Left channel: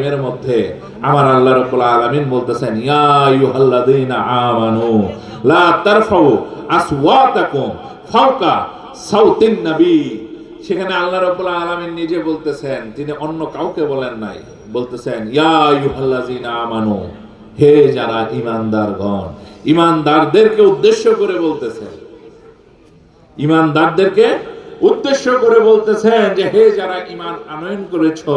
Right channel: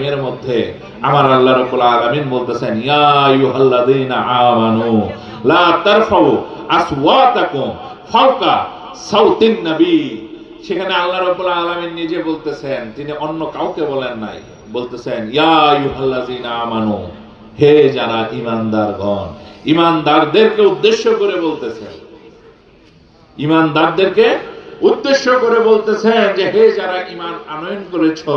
এর মধ্যে আমার আল্লাহ রাব্বুল আলামিন বলতেছেন ইয়া আইয়ুহাল্লাযীনা আমানু লা তারফাউ আসওয়াতাকুম ফাওকা সাউতিন নবী। সেখানে আল্লাহ রাব্বুল আলামিন নিজে বলতেছেন, তিনি অন্য কাউকে বলেন নাই, বলতেছেন ইয়া আইয়ুহাল্লাযীনা আমানু, হে যারা ঈমানদারগণ। ঈমানদারদেরকে উদ্দেশ্য করে বলতেছেন, ঈমানদারদেরকে উদ্দেশ্য করে বলতেছেন যে হে যারা ঈমান আনয়ন করেছো,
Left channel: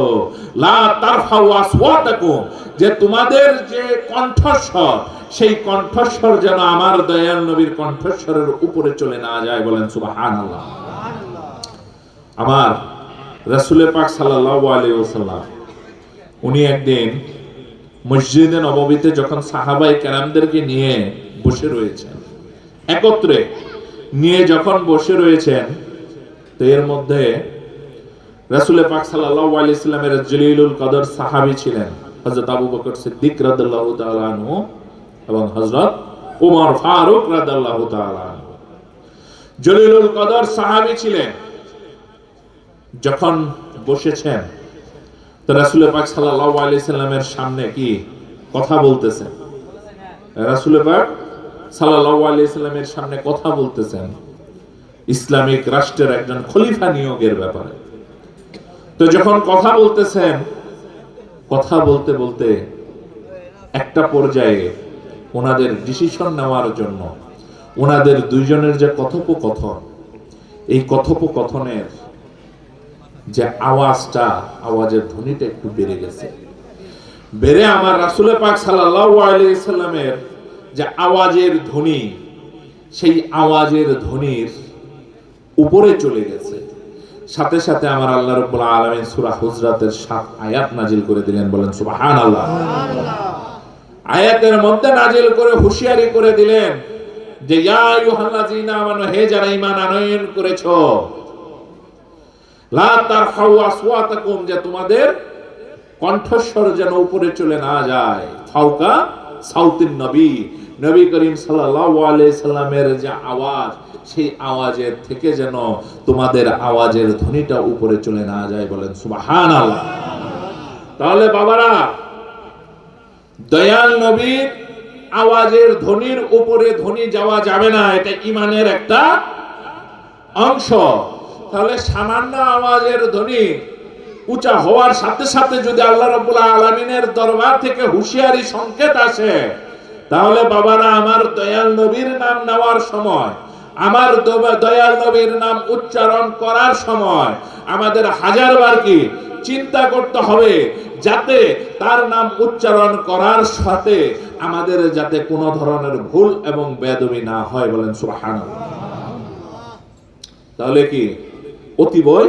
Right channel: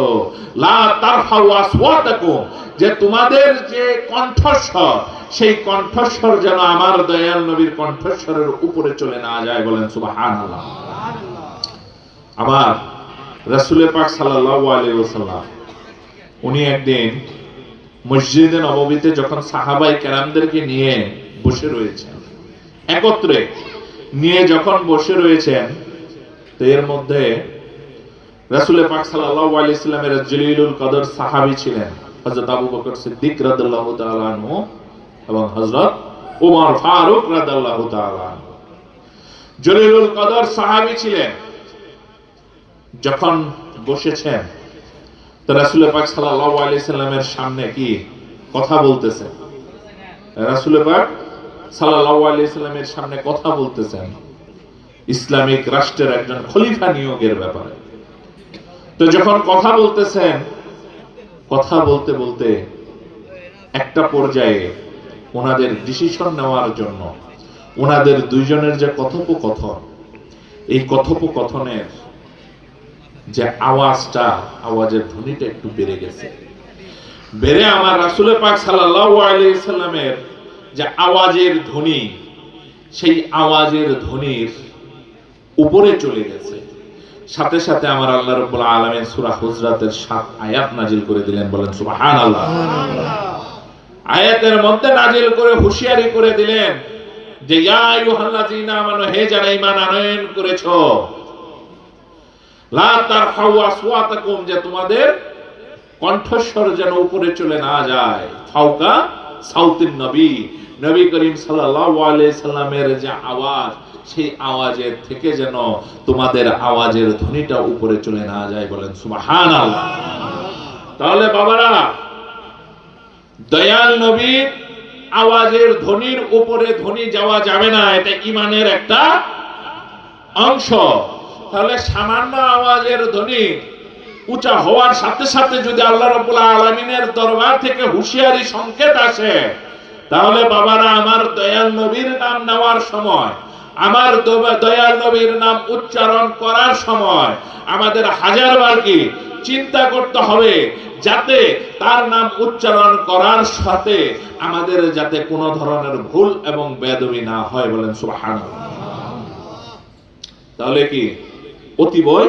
লা তারফাউ আসওয়াতাকুম, যে তোমাদের যে কণ্ঠস্বর, সেই কণ্ঠস্বর যেন আমার দয়াল নবীর কণ্ঠস্বরের উপরে চলে না যায়। বলেন সুবহানাল্লাহ। আমার রাসূল পাক সাল্লাল্লাহু আলাইহি ওয়াসাল্লাম উনি একদিন মসজিদে নববীতে যখন সাহাবায়ে কেরামদেরকে নিয়ে বসে রয়েছেন, একত্রে নিয়ে যখন বসে রয়েছেন, তো এর মধ্যে রাসূল পাক সাল্লাল্লাহু আলাইহি সাল্লামের জলিলুল কদর সাহাবী ছিলেন হযরত আবু বকর সিদ্দিক রাদিয়াল্লাহু তাআলা আনহু এবং হযরত ওমর ফারুক রাদিয়াল্লাহু তাআলা আনহু। জলিলুল কদর সাহাবী ছিলেন। যখন বসেছেন, তো রাসূল পাক সাল্লাল্লাহু আলাইহি সাল্লামের সামনে কি কথা বলতেছেন, রাসূল পাক সাল্লাল্লাহু আলাইহি সাল্লামের সামনে কথা বলতেছেন ইসলামিক রাষ্ট্রের একজন খলিফা নিয়োগের ব্যাপারে। তো যখন কথা বলতেছেন, কথা বলতে বলতে একটা পর্যায়ে ওনাদের ডিসিশন নেওয়ার জন্য ওনাদের দুইজনের যে কথোপকথন, এই কথোপকথনের যে আওয়াজটা, আওয়াজের ধ্বনিটা একটু বেড়ে গেছে। বেড়ে আমার রাসূল পাক সাল্লাল্লাহু আলাইহি সাল্লামের যে আওয়াজের ধ্বনি, সেই আওয়াজের ধ্বনির উপরে চলে গেছে। সাথে সাথে আমার আল্লাহ রাব্বুল আলামিন সূরা হুজরাতের 7 আয়াত নাজিল করে দিলেন। বলেন সুবহানাল্লাহ। আয়াতের মধ্যে নাজিল করে হুঁশিয়ারি করে দিলেন যে ইয়া আইয়ুহাল্লাযীনা আমানু, হে যারা ঈমান আনয়ন করেছো, লা তারফাউ আসওয়াতাকুম, যে তোমাদের কণ্ঠস্বর যেন উপরে চলে না যায়, ফাওকা সাউতিন নবী, নবী করিম সাল্লাল্লাহু আলাইহি সাল্লামের যে আওয়াজ, সেই আওয়াজের থেকে যেন তোমাদের আওয়াজের ধ্বনিটা উপরে চলে না যায়। বলেন সুবহানাল্লাহ। তাহলে বাবারা, দয়াল নবীর আওয়াজের ধ্বনির উপরে ধ্বনি যাওয়া যাবে না, এটা ঈমানের একটা অংশ। তাহলে সামান্য আওয়াজের ধ্বনি উঁচা হওয়ার সাথে সাথে যদি আল্লাহ রাব্বুল আলামিনের দরবার থেকে হুঁশিয়ারি সংকেত আসে, তাহলে বাবারা আমার দয়াল নবীর নাম নেওয়ার সময়, আমার দয়াল নবীর নাম উচ্চারণ করার সময় আমাদের হাজারবার কি চিন্তা করতে হবে, যাতে তার নাম উচ্চারণ করার সাথে আমাদের যাতে কোনো ধরনের ভুল এবং বেয়াদবি না হয়। বলেন সুবহানাল্লাহ। তাহলে কি অতিবয়